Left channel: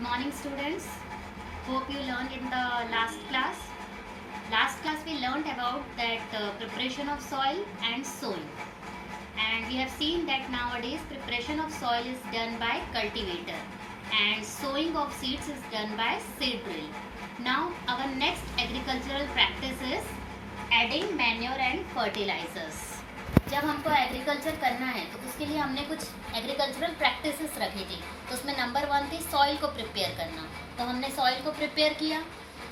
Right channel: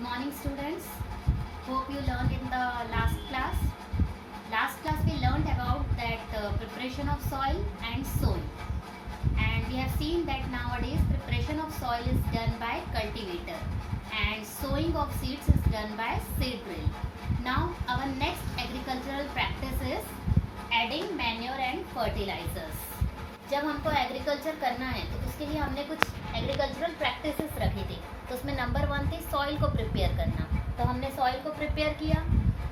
Good morning, students. Hope you learned in the last class. Last class we learned about that preparation of soil and sowing. And we have seen that nowadays preparation of soil is done by cultivator and sowing of seeds is done by seed drill. Now our next agricultural practice is adding manure and fertilizers. जब हमको agriculture करना है तो उसके लिए हमने कुछ agricultural practices रखी थी. तो उसमें नंबर 1 थी सॉइल को प्रिपेयर करना. तो हमने सॉइल को प्रिपेयर किया.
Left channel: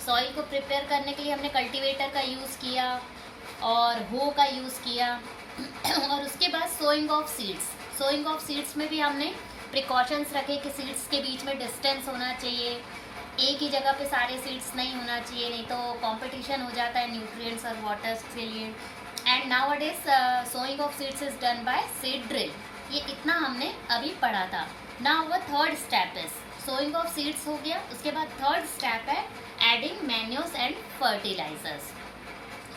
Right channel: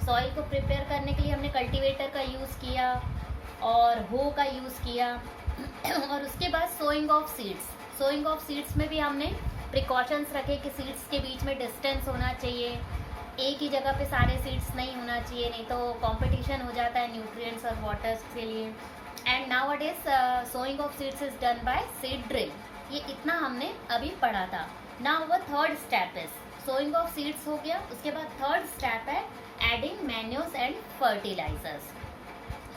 सॉइल को प्रिपेयर करने के लिए हमने कल्टीवेटर का यूज़ किया और हो का यूज़ किया. और उसके बाद sowing of seeds. Sowing of seeds में भी हमने प्रिकॉशंस रखे कि सीड्स के बीच में डिस्टेंस होना चाहिए. एक ही जगह पे सारे सीड्स नहीं होना चाहिए, नहीं तो कंपटीशन हो जाता है न्यूट्रिएंट्स और वाटर्स के लिए. And nowadays sowing of seeds is done by seed drill. ये इतना हमने अभी पढ़ा था. नाउ वो third step is sowing of seeds हो गया. उसके बाद थर्ड स्टेप है एडिंग मैन्योर्स एंड फर्टिलाइजर्स.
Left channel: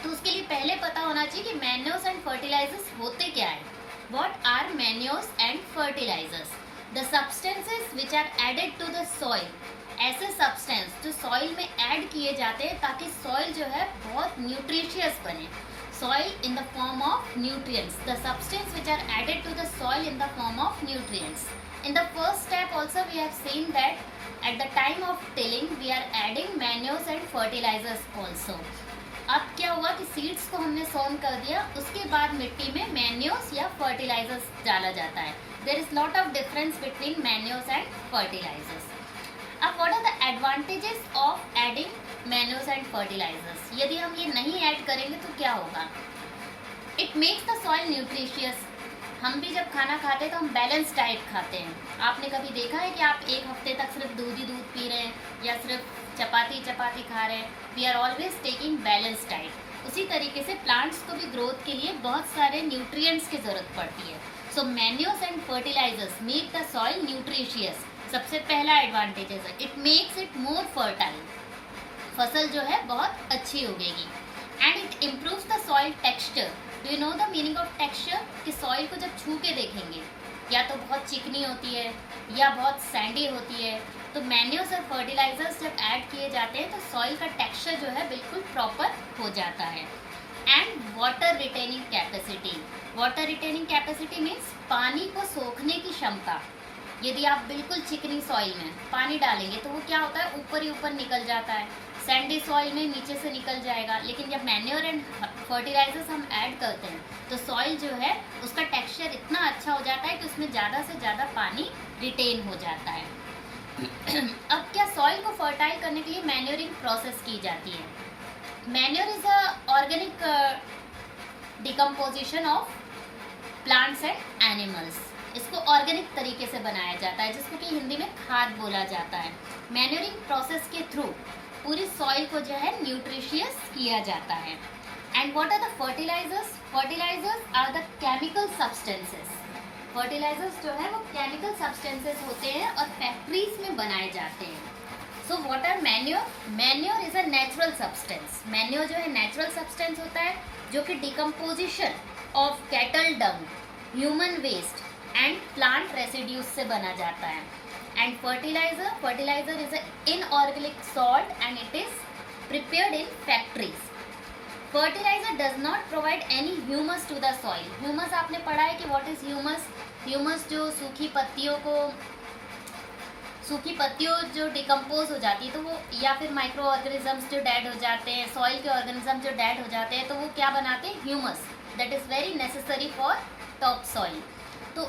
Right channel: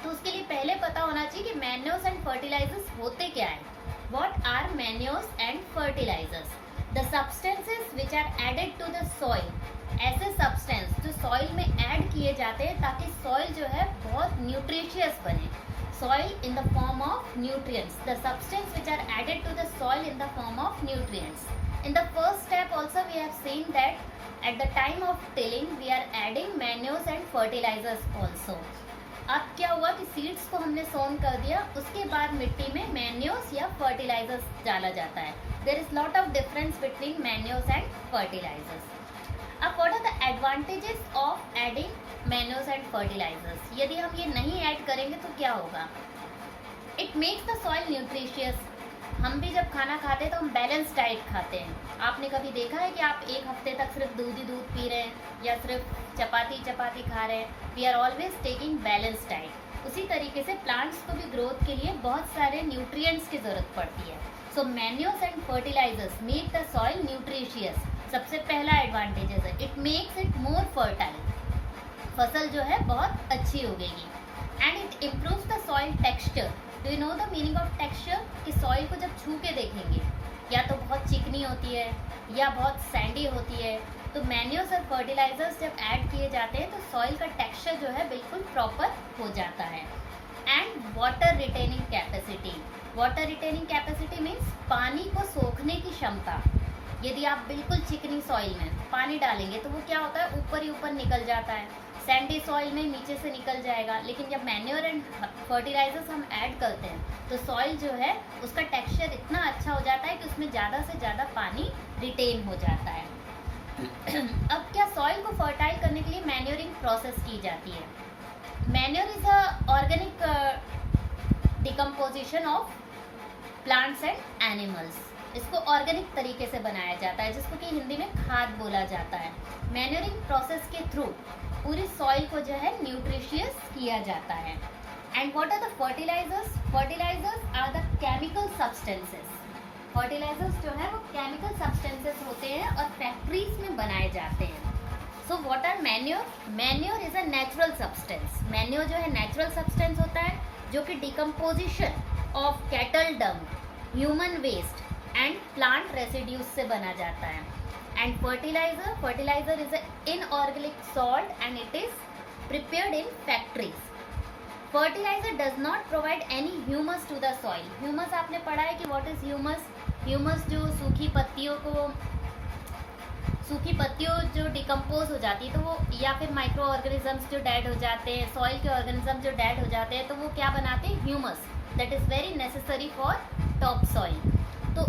तो उसके लिए पहले पता होना चाहिए कि मैन्योर्स एंड फर्टिलाइजर्स होते क्या है. What are manures and fertilisers? The substances which are added to the soil. ऐसे सब्सटेंस जो सॉइल में ऐड किए जाते हैं ताकि सॉइल जो है बहुत न्यूट्रिशियस बने. Soil in the form of nutrients. The substance which are added to the soil in the form of nutrients. In the first step also we have seen that at the time of tilling we are adding manures and fertilizers also. अब क्या हुआ कि seeds को हमने सोन कर दिया, उसके बाद मिट्टी में मैन्योर्स या फर्टिलाइजर्स डाला जाता है. There is lot of difference between manures and fertilizers. अब what are the advantages of adding manures and fertilizers? यदि हम ये नहीं ऐड करेंगे तो क्या होगा? It makes the soil nutritious. हम भी जब खाना खाते हैं तो हम बैलेंस डाइट खाते हैं. आपने कभी देखा है कि आप एक हफ्ते तक सिर्फ दूध ही दूध पी रहे हैं या सिर्फ चपाती चपाती खा रहे हैं? We are always taking balance diet. उसी तरीके से प्लांट्स को भी ग्रोथ के लिए बहुत सारे न्यूट्रिएंट्स की ज़रूरत पड़ती है. So manures and fertilizers make the soil nutritious. सबसे पहला एडवांटेजेस है it makes it more fertile. फसल जो है बहुत अच्छी उगेगी. And it improves the soil texture. Do you know the meaning of texture? कि सॉइल को जब छू के देखेंगे या तो बहुत चिकनी होती है या बहुत सैंडी होती है. तो मैन्योर्स और फर्टिलाइजर्स जब ऐड किए जाते हैं तो सॉइल का टेक्सचर जो है बिल्कुल प्रॉपर हो जाता है. And water retaining capacity. Water retaining capacity means पानी को सोखने की क्षमता. यदि आप बिल्कुल चिकनी सॉइल में पानी डालेंगे तो वो क्या होता है, ऊपर ही ऊपर निकल जाता है. सैंडी सॉइल में नीचे से निकल जाएगा. लेकिन जब मैन्योर एंड फर्टिलाइजर्स हम ऐड करते हैं तो सॉइल जो है उसका टेक्सचर इतना अच्छा हो जाता है कि उसमें ज़्यादा से ज़्यादा पानी रिटेन हो जाता है. अब क्या सॉइल को फर्टाइल करने के लिए मैन्योरिंग प्रोसेस की जाती है. Manure is a organic decomposition of plants and animals. इसको ऑर्गेनिक तरीके से बनाया जाता है जिसको कि हिंदी में खाद बोला जाता है. मैन्योरिंग प्रोसेस के थ्रू पूरी सॉइल को जो है न्यूट्रिशियस किया जाता है. And what are the fertilisers? Fertilisers are the chemical substances. Fertilisers जो है वो केमिकल सब्सटेंसेस होते हैं और फैक्ट्रीज में बनाए जाते हैं. So what are manure? Manure is a natural substance. Manure जो है नेचुरल सब्सटेंस होता है जो कि decomposition of cattle dung, human waste and plant residues से बना जाता है. And fertiliser, fertiliser is a inorganic salt and it is prepared in factories. Fertiliser does not provide any humus to the soil. Humus आपने पढ़ा है कि what is humus? Humus जो सूखी पत्तियों जो डिकम्पोज हो जाती है तो वो, या फिर माइक्रो ऑर्गेनिजम्स जो डेड हो जाते हैं, सॉइल के ऑर्गेनिज्म जो डेड हो जाते हैं तो वो क्या बनाते हैं? Humus. That is very necessary for top soil. तो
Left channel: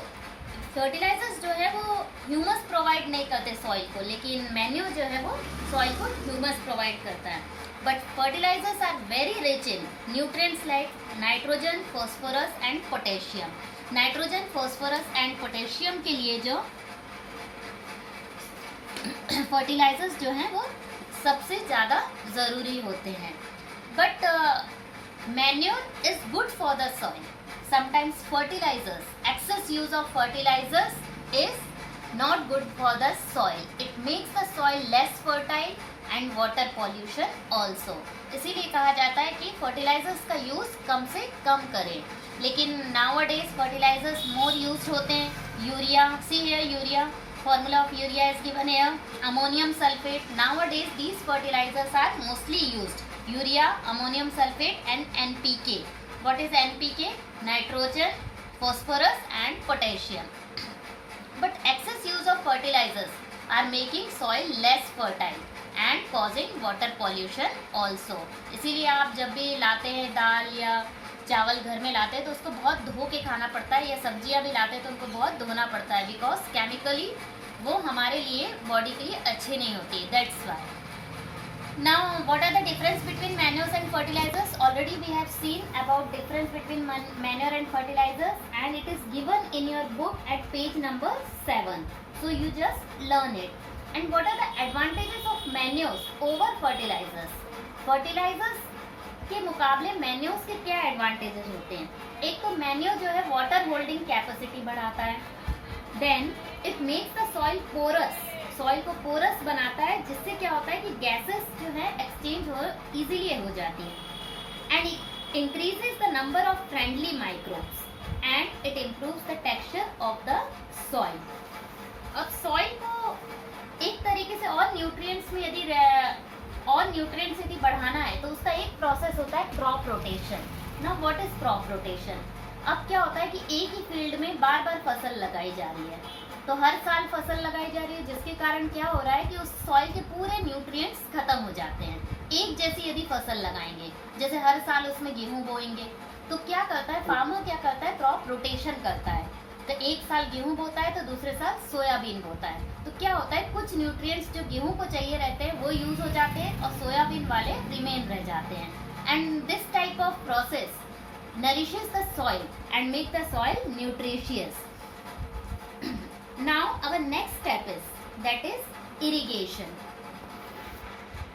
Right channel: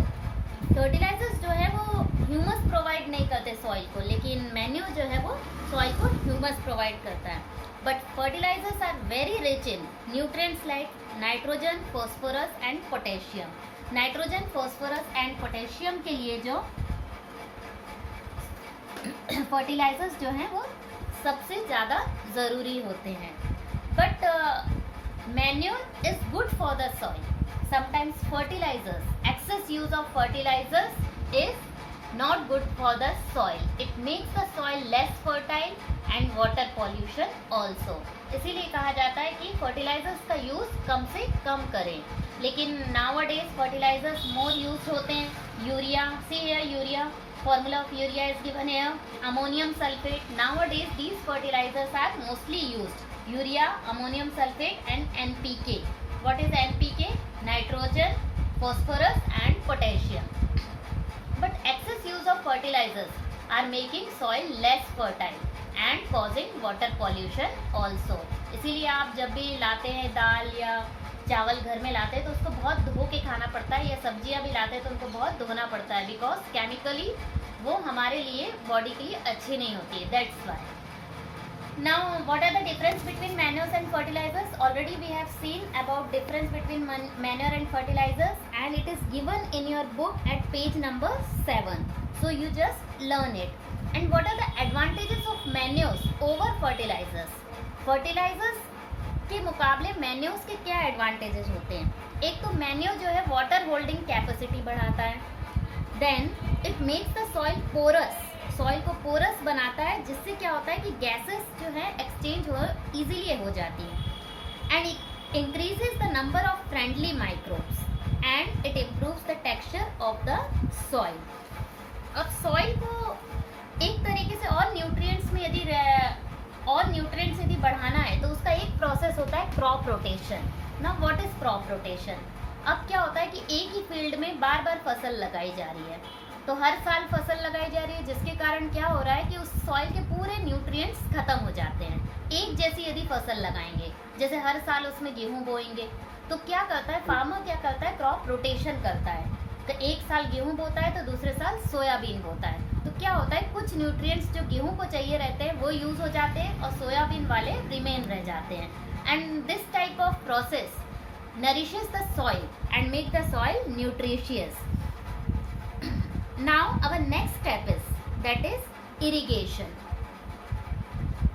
फर्टिलाइजर्स जो है वो ह्यूमस प्रोवाइड नहीं करते सॉइल को, लेकिन मैन्योर जो है वो सॉइल को ह्यूमस प्रोवाइड करता है. But fertilisers are very rich in nutrients like nitrogen, phosphorus and potassium. Nitrogen, phosphorus and potassium के लिए जो फर्टिलाइजर्स जो हैं वो सबसे ज़्यादा ज़रूरी होते हैं. But manure is good for the soil. Sometimes fertilizers, excess use of fertilizers is not good for the soil. It makes the soil less fertile and water pollution also. इसीलिए कहा जाता है कि fertilizers का यूज़ कम से कम करें. लेकिन nowadays fertilizers more used होते हैं. यूरिया, सी है urea. Formula of urea is given here. Ammonium sulfate. Nowadays these fertilizers are mostly used. Urea, ammonium sulfate and NPK. What is NPK? Nitrogen, phosphorus and potassium. But excess use of fertilizers are making soil less fertile and causing water pollution also. इसीलिए आप जब भी लाते हैं दाल या चावल घर में लाते हैं तो उसको बहुत धो के खाना पड़ता है, या सब्जियां भी लाते हैं तो उनको बहुत धोना पड़ता है, बिकॉज केमिकली वो हमारे लिए बॉडी के लिए अच्छी नहीं होती है. That's why. Now what are the difference between manures and fertilisers? Already we have seen about difference between manure and fertilisers and it is given in your book at page number 7. So you just learn it. And what are the advantages of manures over fertilisers? Fertilisers के मुकाबले manures के क्या advantages होते हैं? एक तो manure जो है वाटर होल्डिंग कैपेसिटी बढ़ाता है. Then it makes the soil porous. Soil को पोरस बनाता है, जिससे क्या होता है कि गैसेस जो है एक्सचेंज हो इजीली हो जाती है. And it increases the number of friendly microbes and it improves the texture of the soil. अब सॉइल को एक तरीके से और न्यूट्रिएंट्स यदि बढ़ाना है तो उसका एक प्रोसेस होता है crop rotation. Now what is crop rotation? अब क्या होता है कि एक ही फील्ड में बार बार फसल लगाई जा रही है, तो हर साल फसल लगाई जा रही है, जिसके कारण क्या हो रहा है कि उस सॉइल के पूरे न्यूट्रिएंट्स खत्म हो जाते हैं. एक जैसी यदि फसल लगाएंगे, जैसे हर साल उसमें गेहूं बोएंगे, तो क्या करता है फार्मर, क्या करता है क्रॉप रोटेशन करता है. तो एक साल गेहूं बोता है तो दूसरे साल सोयाबीन बोता है. तो क्या होता है कुछ न्यूट्रिएंट्स जो गेहूं को चाहिए रहते हैं वो यूज हो जाते हैं और सोयाबीन वाले रिमेन रह जाते हैं. And this type of process nourishes the soil and make the soil nutritious. Now our next step is, that is irrigation.